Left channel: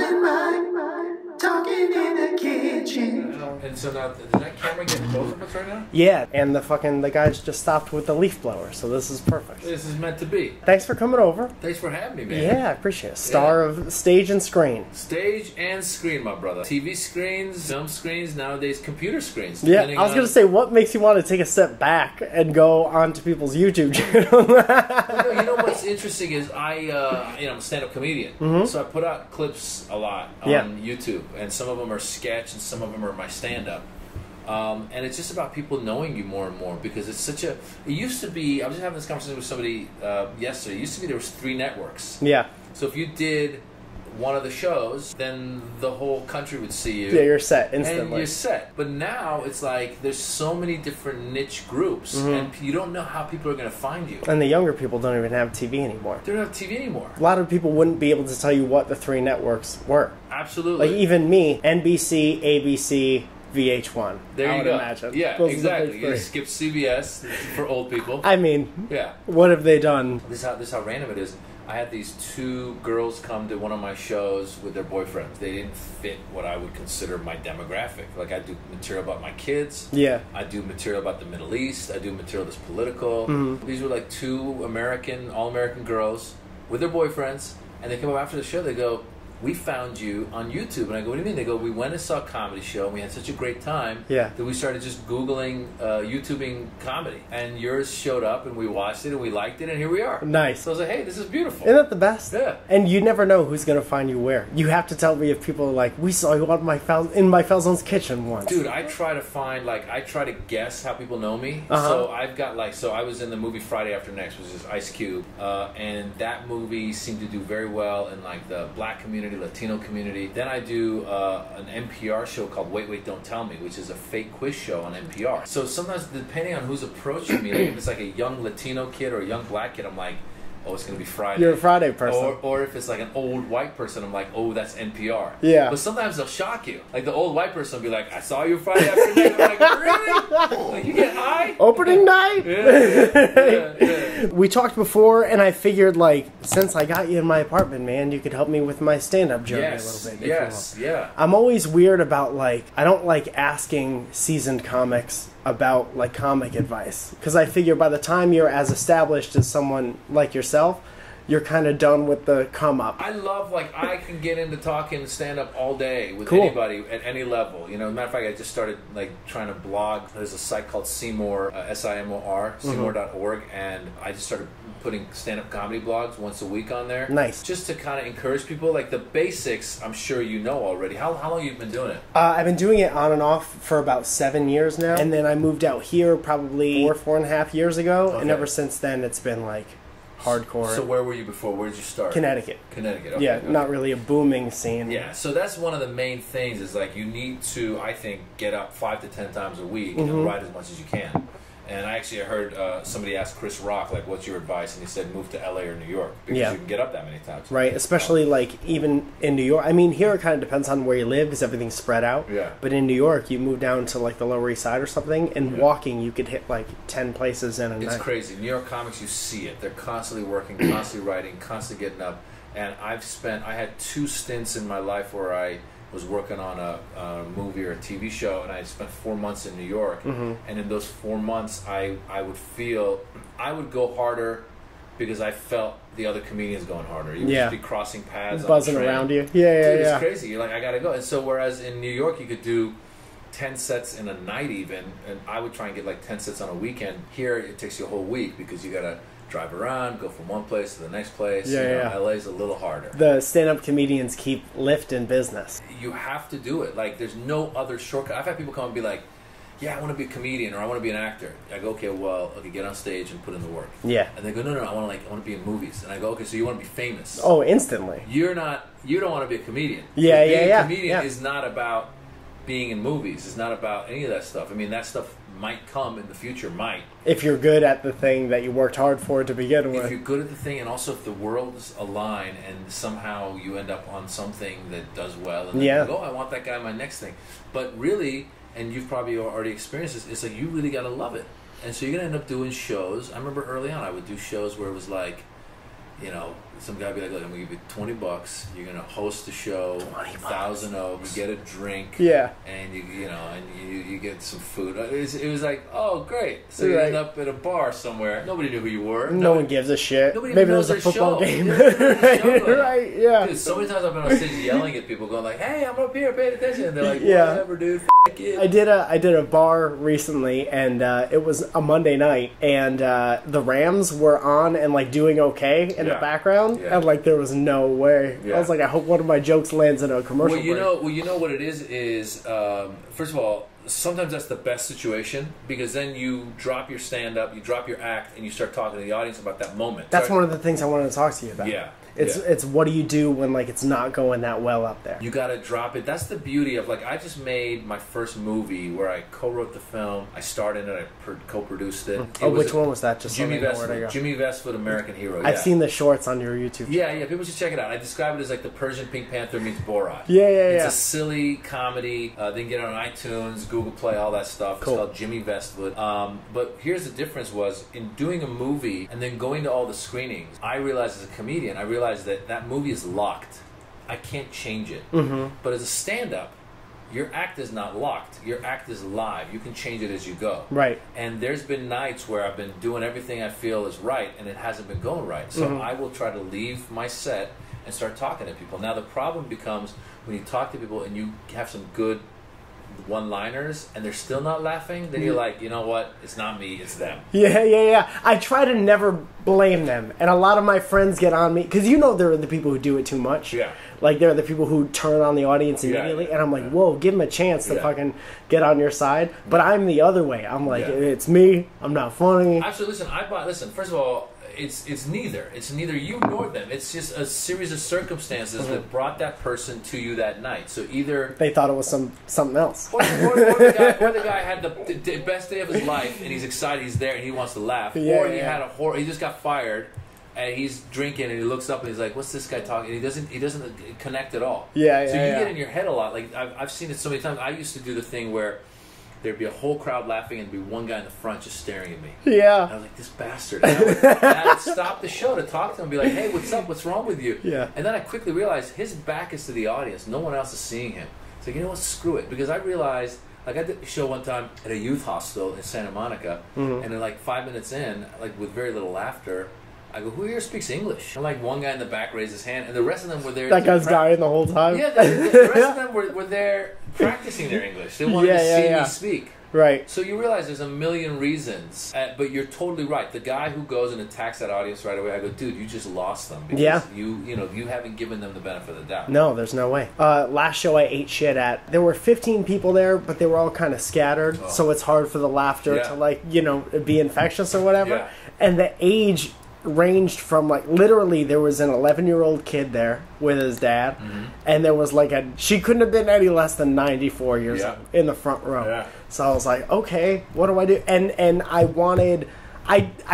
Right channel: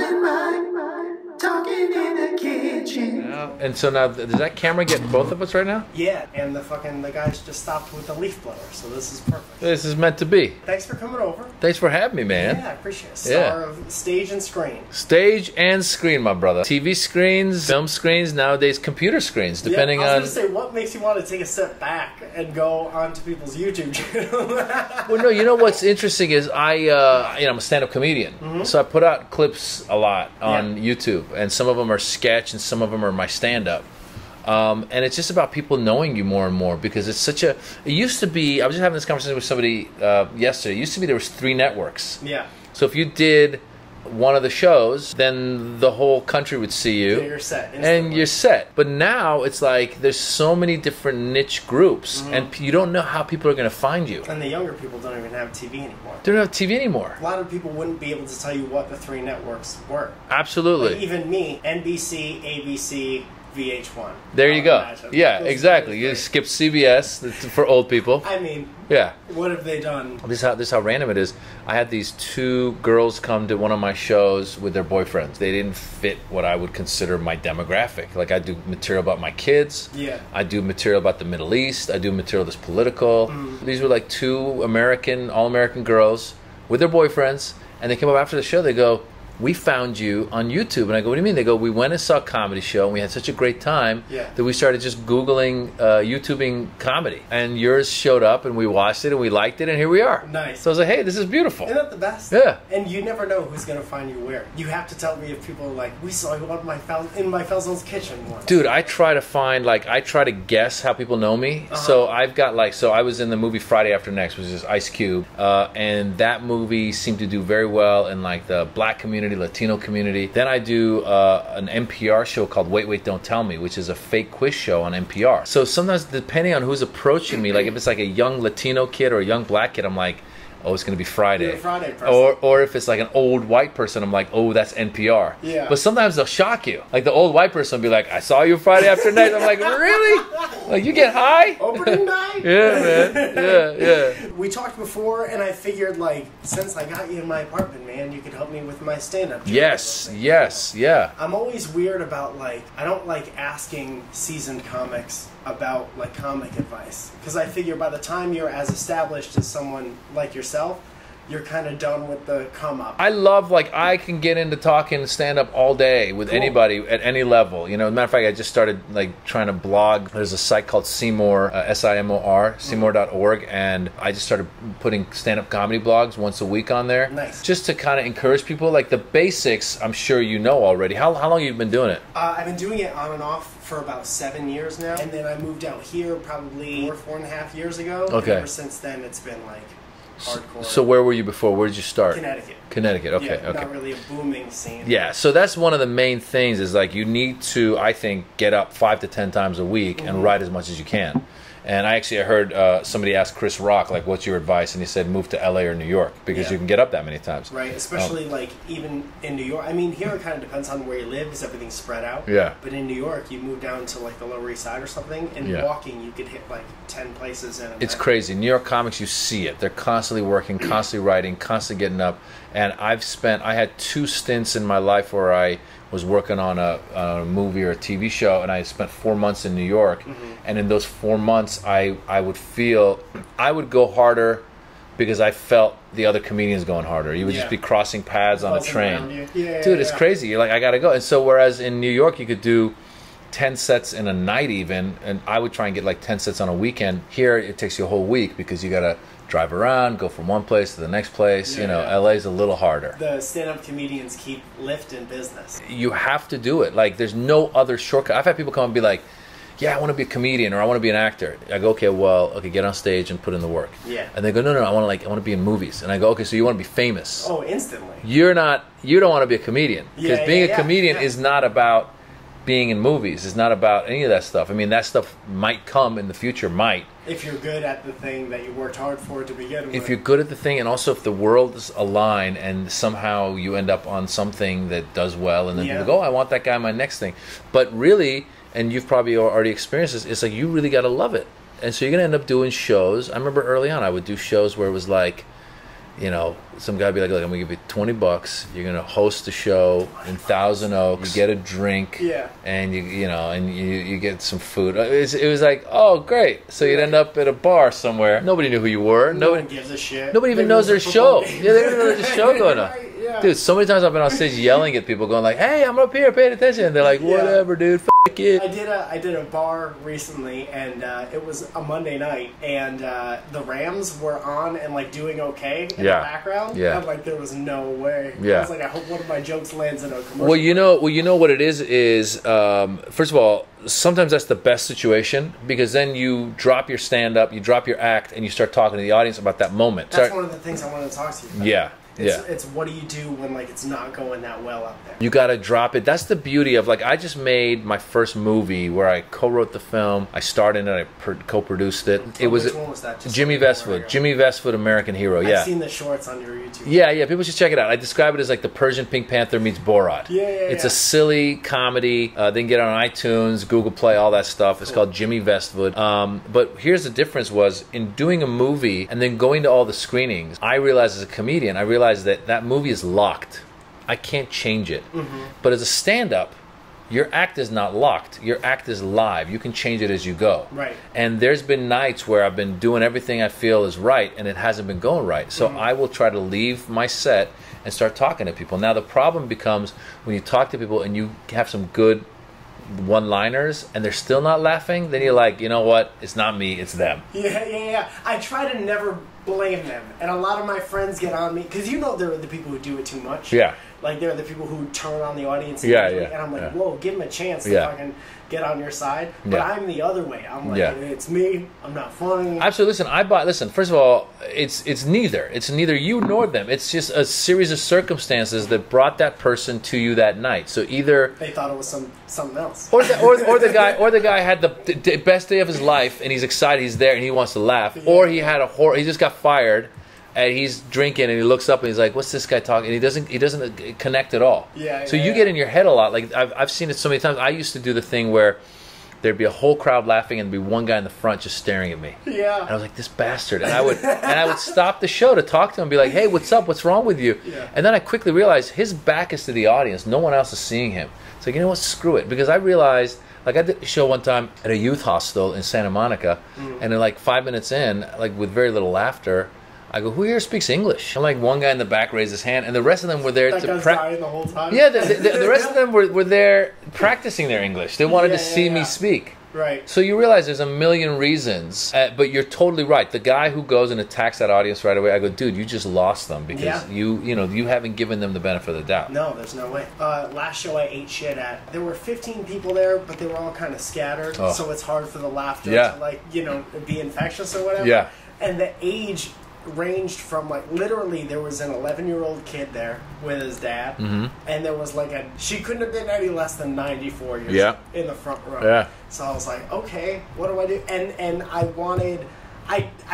in mine, talking in the kitchen. And so now, does that camera get both of us right now? Yeah, and the guys just stopped with the leaf blower, so this is perfect. This is meant to be. Thanks for coming over. Thanks for having me, man. Yeah, I appreciate it. Star of stage and screen. Stage and screen, my brother. TV screens, film screens, nowadays computer screens, depending I was on... going to say, what makes you want to take a step back and go onto people's YouTube channel? Well, no, you know what's interesting is I'm a stand-up comedian, so I put out clips a lot on YouTube, and some of them are sketch, and some of them are my stand-up. And it's just about people knowing you more and more, because it's such a... It used to be... I was just having this conversation with somebody yesterday. It used to be there was 3 networks. Yeah. So if you did one of the shows, then the whole country would see you. Yeah, you're set instantly. And you're set. But now it's like there's so many different niche groups, and you don't know how people are going to find you. And the younger people don't even have TV anymore. They don't have TV anymore. A lot of people wouldn't be able to tell you what the 3 networks were. Absolutely. Like even me, NBC, ABC, VH1. There you go. Imagine. Yeah, Those exactly. You skip CBS for old people. I mean, yeah. What have they done? This is how random it is. I had these 2 girls come to one of my shows with their boyfriends. They didn't fit what I would consider my demographic. Like, I do material about my kids. Yeah. I do material about the Middle East. I do material that's political. These were like 2 all-American girls with their boyfriends. And they came up after the show. They go, "We found you on YouTube." And I go, "What do you mean?" They go, "We went and saw a comedy show, and we had such a great time that we started just Googling, YouTubing comedy. And yours showed up, and we watched it, and we liked it, and here we are." Nice. So I was like, hey, this is beautiful. Isn't that the best? Yeah. And you never know who's going to find you where. You have to tell me if people are like, "We saw you on in Mike Falzone's kitchen once." Dude, I try to find, I try to guess how people know me. So I've got, so I was in the movie Friday After Next, which is Ice Cube, and that movie seemed to do very well in, the black community, Latino community. Then I do an NPR show called Wait, Wait, Don't Tell Me, which is a fake quiz show on NPR. So sometimes, depending on who's approaching me, if it's a young Latino kid or a young black kid, I'm like, oh, it's going to be Friday. You're a Friday person. Or if it's an old white person, I'm like, oh, that's NPR. Yeah. But sometimes they'll shock you. The old white person will be like, I saw you Friday After Night. I'm like, really? You get high? Opening night? Yeah, man. Yeah. We talked before, and I figured, since I got you in my apartment, man, you could help me with my stand-up journey a little bit. Yes, yeah. I'm always weird about, I don't like asking seasoned comics about comic advice, because I figure by the time you're as established as someone like yourself, you're kind of done with the come up. I love, I can get into talking stand-up all day with anybody at any level. As a matter of fact, I just started, trying to blog. There's a site called Seymour, S-I-M-O-R, Seymour.org, and I just started putting stand-up comedy blogs once a week on there. Nice. Just to kind of encourage people. The basics, I'm sure you know already. How long have you been doing it? I've been doing it on and off for about 7 years now, and then I moved out here probably 4.5 years ago, and ever since then it's been, hardcore. So where were you before? Where did you start? Connecticut. Connecticut, okay. Yeah, not really a booming scene. Yeah, so that's one of the main things is you need to, I think, get up 5 to 10 times a week and write as much as you can. And I heard somebody ask Chris Rock, what's your advice? And he said, move to LA or New York, because you can get up that many times. Right, especially even in New York. I mean, here it kind of depends on where you live, because everything's spread out. Yeah. But in New York, you move down to the Lower East Side or something, and walking, you could hit 10 places in a night. It's crazy. New York comics, you see it. They're constantly working, constantly writing, constantly getting up. And I had 2 stints in my life where I was working on a movie or a TV show, and I spent 4 months in New York. And in those 4 months, I would go harder because I felt the other comedians going harder. You would just be crossing paths on a train. Around you. Dude, it's crazy. You're like, I gotta go. And so whereas in New York you could do 10 sets in a night even, and I would try and get 10 sets on a weekend. Here it takes you a whole week because you gotta drive around, go from one place to the next place. LA's a little harder. The stand-up comedians keep lifting business. You have to do it. There's no other shortcut. I've had people come and be like, yeah, I want to be a comedian or I want to be an actor. I go, okay, get on stage and put in the work. Yeah. And they go, no, I want to be in movies. And I go, okay, so you want to be famous. Oh, instantly. You don't want to be a comedian. Yeah, being a comedian is not about being in movies. It's not about any of that stuff. I mean, that stuff might come in the future, if you're good at the thing that you worked hard for to begin with. If you're good at the thing, and also if the worlds align and somehow you end up on something that does well, and then you go, I want that guy in my next thing. But really, and you've probably already experienced this, it's you really got to love it. And so you're going to end up doing shows. I remember early on I would do shows where it was you know, some guy be like, look, I'm gonna give you $20. You're gonna host the show in Thousand Oaks. You get a drink, and you get some food. It was like, oh, great. So you'd end up at a bar somewhere. Nobody knew who you were. No one gives a shit. Nobody even knows their show. Yeah, they don't know there's a show going on. Right, yeah. Dude, so many times I've been on stage yelling at people, going like, hey, I'm up here, paying attention. And they're like, whatever, dude. It. I did a bar recently, and it was a Monday night, and the Rams were on and like doing okay in the background, and like there was no way. I was like, I hope one of my jokes lands in a commercial. Well, you know what it is first of all, sometimes that's the best situation, because then you drop your stand-up, you drop your act, and you start talking to the audience about that moment. That's one of the things I wanted to talk to you about. Yeah. It's what do you do when like it's not going that well up there? You gotta drop it. That's the beauty of like I just made my first movie where I co-wrote the film. I starred in it. I co-produced it. Which one was that? Just Jimmy Vestvood. Jimmy Vestvood, American Hero. I've seen the shorts on your YouTube. Yeah. People should check it out. I describe it as like the Persian Pink Panther meets Borat. It's a silly comedy. They can get it on iTunes, Google Play, all that stuff. It's called Jimmy Vestvood. But here's the difference: was in doing a movie and then going to all the screenings, I realized as a comedian, that movie is locked. I can't change it. But as a stand-up, your act is not locked. Your act is live. You can change it as you go. Right. And there's been nights where I've been doing everything I feel is right, and it hasn't been going right. So I will try to leave my set and start talking to people. Now the problem becomes when you talk to people and you have some good one-liners and they're still not laughing, then you're like, you know what, it's not me, it's them. Yeah. I try to never blame them, and a lot of my friends get on me because there are the people who do it too much. Like there are the people who turn on the audience immediately, and I'm like, whoa, give them a chance to fucking get on your side. But I'm the other way. I'm like, it's me. I'm not funny. Absolutely. Listen. First of all, it's neither. It's neither you nor them. It's just a series of circumstances that brought that person to you that night. So either they thought it was something else, or the guy had the best day of his life, and he's excited, he's there, and he wants to laugh, or he had he just got fired. And he's drinking, and he looks up, and he's like, "What's this guy talking?" And he doesn't connect at all. So you get in your head a lot. Like I've seen it so many times. I used to do the thing where there'd be a whole crowd laughing, and there'd be one guy in the front just staring at me. And I was like, "This bastard!" And I would stop the show to talk to him, and be like, "Hey, what's up? What's wrong with you?" And then I quickly realized his back is to the audience. No one else is seeing him. It's like, you know what? Screw it. Because I realized. Like I did a show one time at a youth hostel in Santa Monica, and then like 5 minutes in, like with very little laughter, I go, who here speaks English? And like one guy in the back raised his hand, and the rest of them were there. That guy's dying the whole time? Yeah, the rest of them were there practicing their English. They wanted to see me speak. Right. So you realize there's a million reasons, but you're totally right. The guy who goes and attacks that audience right away, I go, dude, you just lost them because you haven't given them the benefit of the doubt. No, there's no way. Last show I ate shit at, there were 15 people there, but they were all kind of scattered, so it's hard for the laughter to be infectious or whatever. Yeah. And the age ranged from like literally there was an 11-year-old kid there with his dad, and there was like she couldn't have been any less than 94 years old in the front row. So I was like, okay, what do I do? And I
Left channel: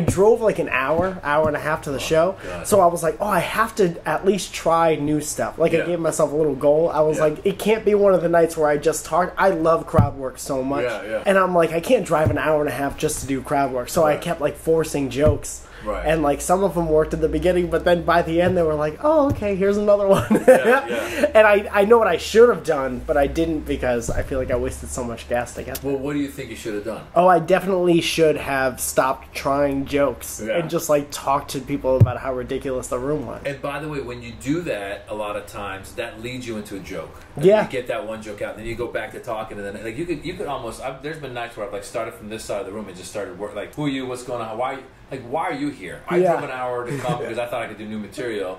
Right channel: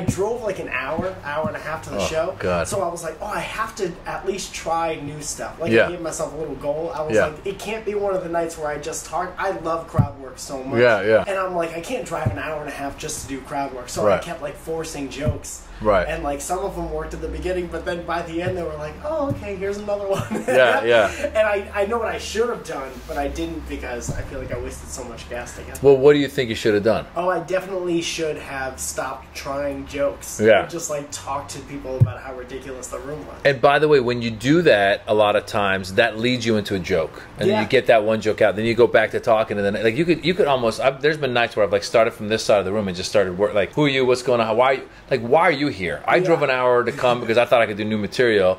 drove like an hour and a half to the show. God. So I was like, I have to at least try new stuff. Like I gave myself a little goal. I was like, it can't be one of the nights where I just talk. I love crowd work so much. And I'm like, I can't drive an hour and a half just to do crowd work. So I kept like forcing jokes. And like some of them worked at the beginning, but then by the end they were like, oh, okay, here's another one. And I know what I should have done, but I didn't because I feel like I wasted so much gas to get there. Well, what do you think you should have done? Oh, I definitely should have stopped trying jokes and just like talked to people about how ridiculous the room was. And by the way, when you do that, a lot of times that leads you into a joke, and then you get that one joke out, then you go back to talking, and then like you could almost. There's been nights where I've like started from this side of the room and just started work. Like, who are you? What's going on? Why are you here? I drove an hour to come because I thought I could do new material,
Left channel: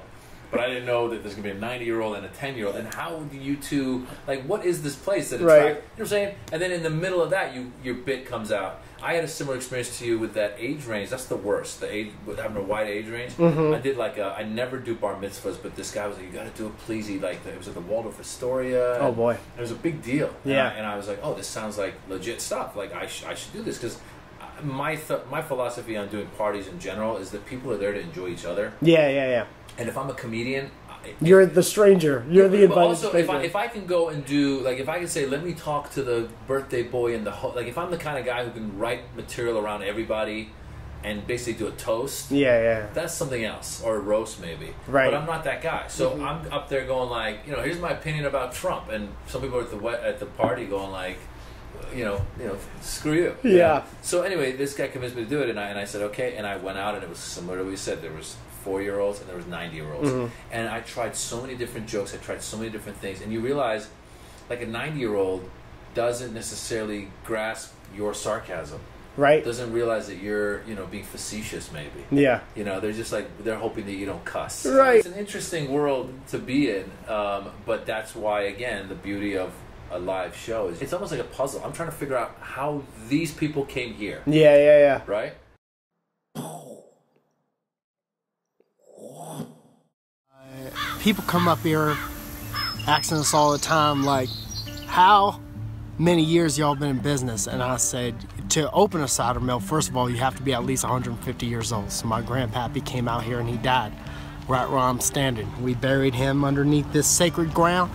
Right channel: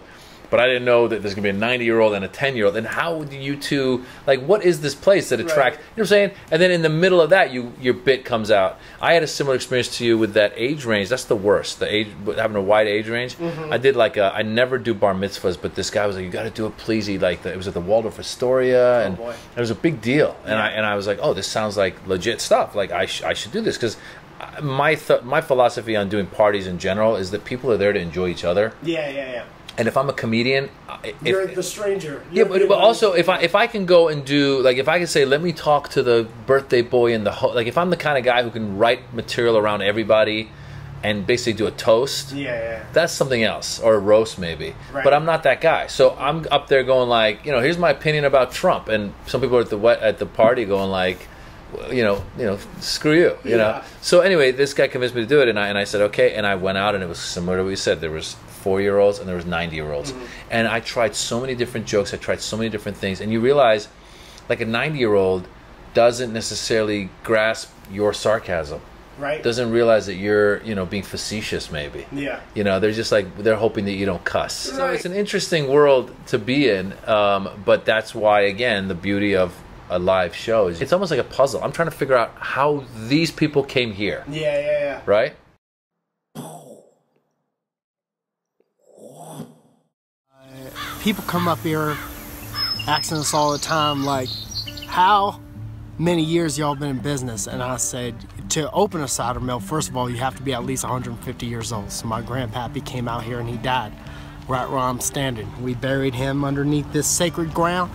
but I didn't know that there's going to be a 90-year-old and a 10-year-old. And how do you two, like, what is this place that attracts, you know what I'm saying? And then in the middle of that, your bit comes out. I had a similar experience to you with that age range. That's the worst, the age, having a wide age range. I did like I never do bar mitzvahs, but this guy was like, you got to do it, please. It was at the Waldorf Astoria. Oh, boy. It was a big deal. And I was like, oh, this sounds like legit stuff. Like, I should do this because my philosophy on doing parties in general is that people are there to enjoy each other. Yeah. And if I'm a comedian, you're the stranger. But also if I can go and do, like, if I can say, let me talk to the birthday boy in the like, if I'm the kind of guy who can write material around everybody, and basically do a toast. Yeah. That's something else, or a roast maybe. Right. But I'm not that guy. So I'm up there going like, here's my opinion about Trump, and some people are at the party going like, screw you. You know? So anyway, this guy convinced me to do it, and I said okay, and I went out, and it was similar to what we said. There was 4-year-olds and there was 90-year-olds, and I tried so many different jokes. I tried so many different things, and you realize, like a 90-year-old doesn't necessarily grasp your sarcasm. Right. Doesn't realize that you're, being facetious maybe. Yeah. They're just like, they're hoping that you don't cuss. Right. So it's an interesting world to be in, but that's why, again, the beauty of a live show is it's almost like a puzzle. I'm trying to figure out how these people came here. Yeah. Right? People come up here asking us all the time, like, how many years y'all been in business? And I said, to open a cider mill, first of all, you have to be at least 150 years old. So my grandpappy came out here and he died right where I'm standing. We buried him underneath this sacred ground,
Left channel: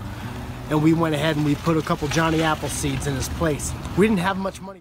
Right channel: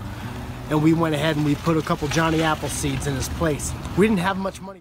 and we went ahead and we put a couple Johnny Apple seeds in his place. We didn't have much money.